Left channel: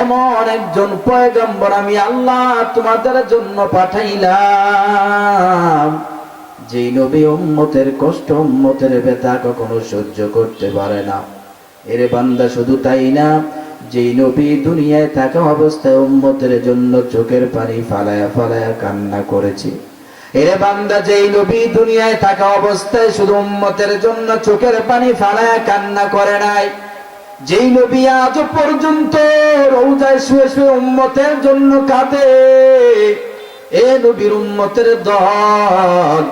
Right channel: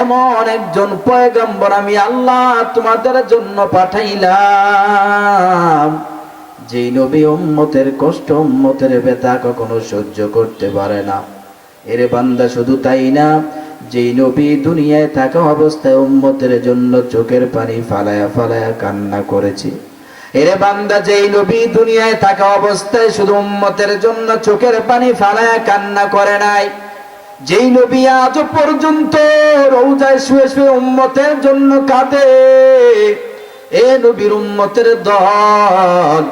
এমন একজন পয়গম্বর আমি আল্লাহ তোমাদের জন্য পাঠাইলাম, যেই নবী উম্মতের কষ্ট, উম্মতের ব্যথা কখনো সহ্য করতে পারে না। এরে বান্দা শুধু তাই না, যেই নবী দুনিয়ায় থাকা অবস্থায় উম্মতের জন্য চোখের পানি ফালায়া ফালায়া কান্না করেছে। এরে বান্দা যেই নবী দুনিয়ায় থাকা অবস্থায় শুধু উম্মতের জন্য চোখের পানি ফালায়া কান্না করে নাই যেই নবী আজ পর্যন্ত রৌজায় শুয়ে শুয়ে উম্মতের জন্য কাঁদে, এ নবীর উম্মতের দল।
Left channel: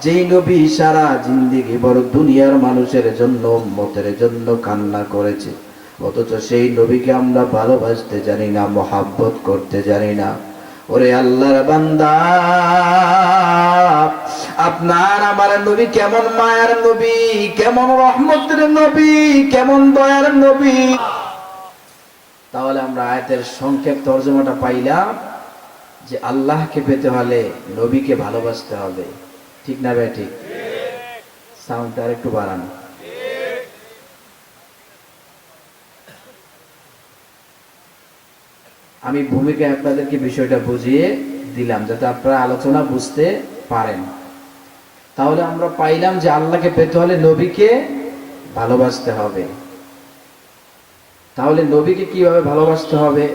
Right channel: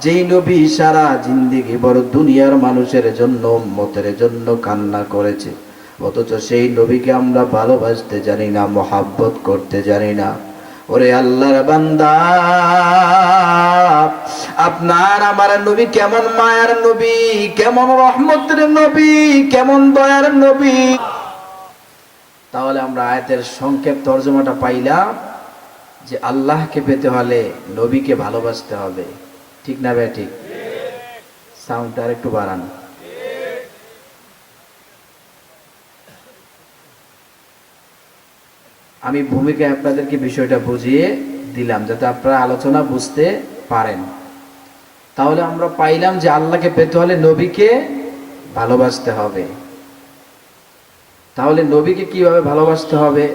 যেই নবী সারা জিন্দিগি বড় দুনিয়ার মানুষের জন্য, উম্মতের জন্য কান্না করেছে। অথচ সেই নবীকে আমরা ভালোবাসতে জানি না, মহাব্বত করতে জানি না। ওরে আল্লাহর বান্দা, আপনার আমার নবী কেমন মায়ার নবী, কেমন রহমতের নবী, কেমন দয়ার নবী? তাহলে আমরা আয়াতের সংক্ষেপ তর্জমাটা পাইলাম যে আল্লাহকে পেতে হলে নবীকে ভালোবাসতে হবে। ঠিক না ভাই, ঠিক? সাউন্ডটা আর একটু বাড়ান। আমি ভূমিকায় আপনাদেরকে বিষয়টা বুঝিয়ে দিলাম, যাতে আপনারা আলোচনা বুঝতে পারেন। তাহলে আমরা পাইলাম যে আল্লাহকে পেতে হলে নবীকে ভালোবাসতে হবে। তাহলে নবীকে কীভাবে ভালোবাসতে হবে?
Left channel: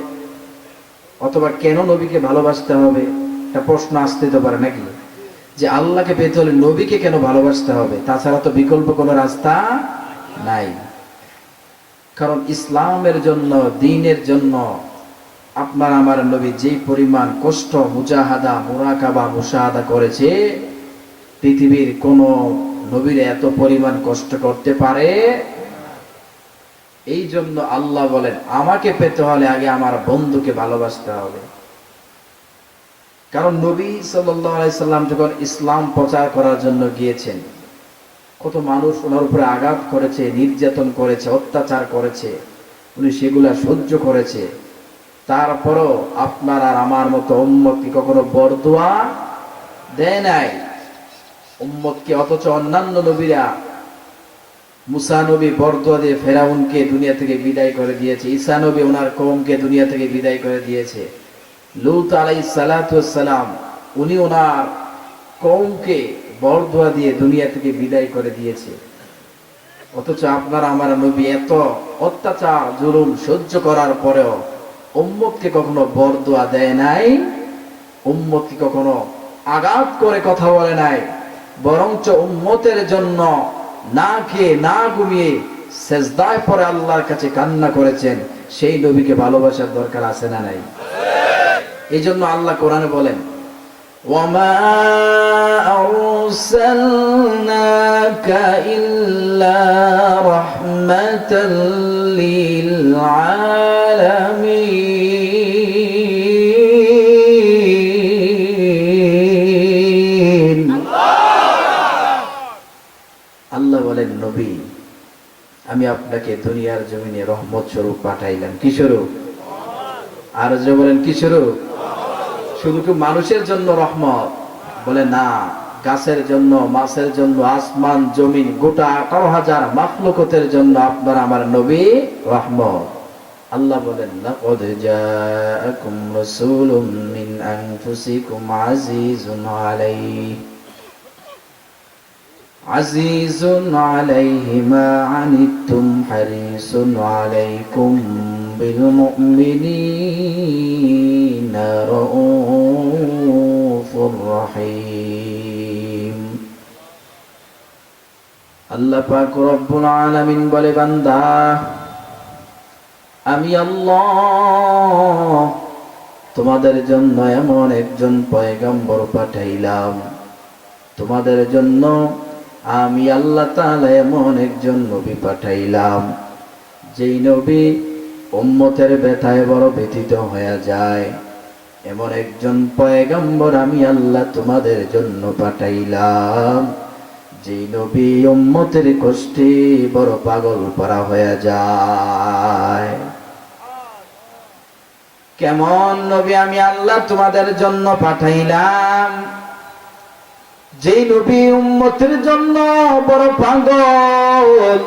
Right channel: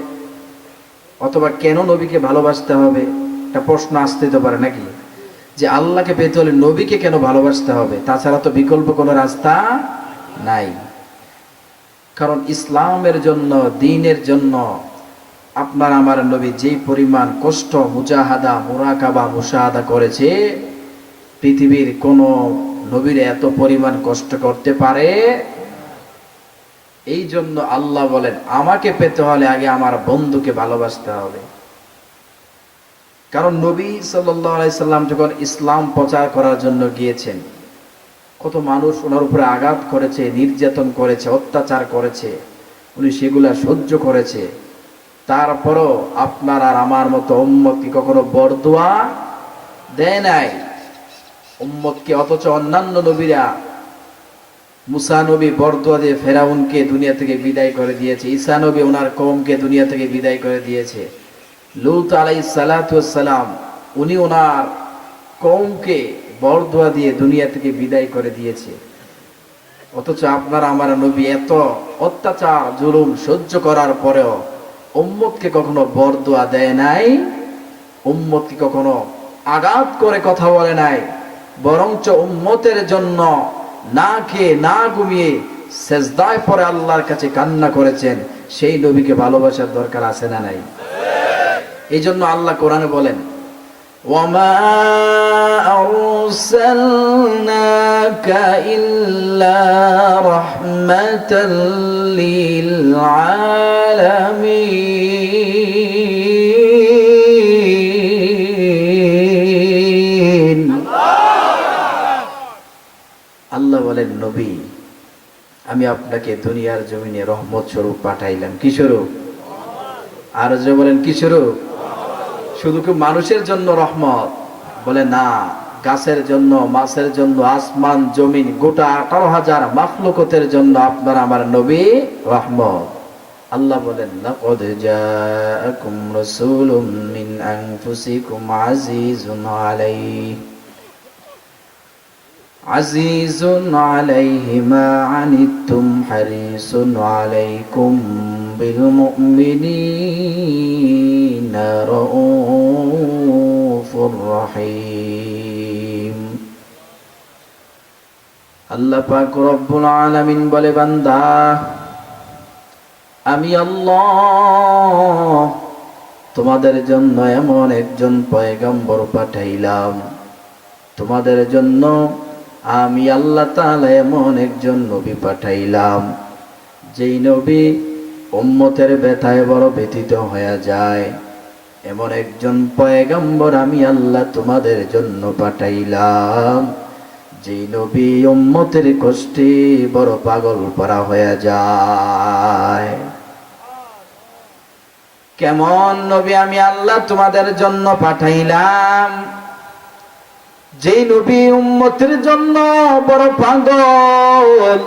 অথবা কেন নবীকে ভালোবাসতে হবে? একটা প্রশ্ন আসতে তো পারে নাকি? যে আল্লাহকে পেতে হলে নবীকে কেন ভালোবাসতে হবে? তাছাড়া তো বিকল্প কোনো রাস্তা নাই। কারণ ইসলামের জন্য, দিনের জন্য আপনার আমার নবী যে পরিমাণ কষ্ট, মুজাহাদা, মুরাকাবা, মুশাহাদা করেছে, পৃথিবীর কোন নবীর এত পরিমাণ কষ্ট করতে পারে? এই জন্য আল্লাহ বলেন, আমাকে পেতে হলে আগে আমার বন্ধুকে ভালোবাসতে হবে। কারণ নবী সাল্লাম যখন ইসলাম প্রচার করার জন্য গিয়েছেন, কত মানুষ ওনার উপরে আঘাত করেছে, নির্যাতন করেছে, অত্যাচার করেছে, উনি সেগুলা সহ্য করেছে। তারপরও আপনার আর আমার মতো উম্মত কি কখনো বরদোয়া দেয় নাই। উম্মতকে অথচ অন্যান্য নবীরা মুসা নবী বরদোয়া দিয়ে ফেরাউনকে দুনিয়া থেকে বিদায় করে দিয়েছে, ঈসা নবী ওনার কমকে দুনিয়া থেকে বিদায় করে দিয়েছে। লুত আলাই সালাম, উনি ওনার কমকে বরদোয়া দিয়ে দুনিয়া থেকে বিদায় করে দিয়েছে। অথচ আপনার আমার নবী এত অত্যাচার, জুলুম সহ্য করার পরেও উম্মতকে কখনো বরদোয়া দেয় নাই উম্মতকে কখনো আঘাত করে কথা বলে নাই বরঞ্চ উম্মতের জন্য না খেয়ে না ঘুমিয়ে সেজদায় পরে আল্লাহর কাছে কান্না করেছেন সেই নবীকে ভালোবাসার দরকার আছে না নাই এই জন্য আল্লাহ কোরআনে বলেন وما أرسلناك إلا رحمة للعالمين আল্লাহ বলেন, নবী, আমি আপনাকে দুনিয়ার জমিনে রহমত স্বরূপ পাঠাইলাম। কি স্বরূপ? আর যে বলেন, কি স্বরূপ? শুধু কি মানুষের জন্য রহমত? বলে, না, গাছের জন্য, মাছের জন্য, আসমান, জমিন, গোটা আঠারো হাজার মাফলুকতের জন্য আপনার আমার নবী রহমত। আল্লাহ বলেন, লাকাদ জাআকুম রাসূলুম মিন আনফুসিকুম আজিজুন আলাইহি। আলাইহি মা আনিতুম হারিসুন আলাইকুম বিল মুমিনিনা রাউফুর রহিম আল্লাহ পাক রব্বুল আলামিন বলে, বান্দা, আমি আল্লাহ তোমাদের জন্য এমন একজন পয়গম্বর পাঠাইলাম। তোমাদের জন্য আমি আল্লাহ তাআলা এমন একজন নবী পাঠাইলাম, যেই নবী উম্মতের ব্যথায় বড় ব্যথিত হয়ে যায়। এমন একজন পয়গম্বর আমি আল্লাহ তোমাদের জন্য পাঠাইলাম, যেই নবী উম্মতের কষ্টে বড় পাগল পরা হয়ে যায়। কেমন নবী আমি আল্লাহ তোমাদের জন্য পাঠাইলাম? যেই নবী উম্মতের জন্য বড় পাগল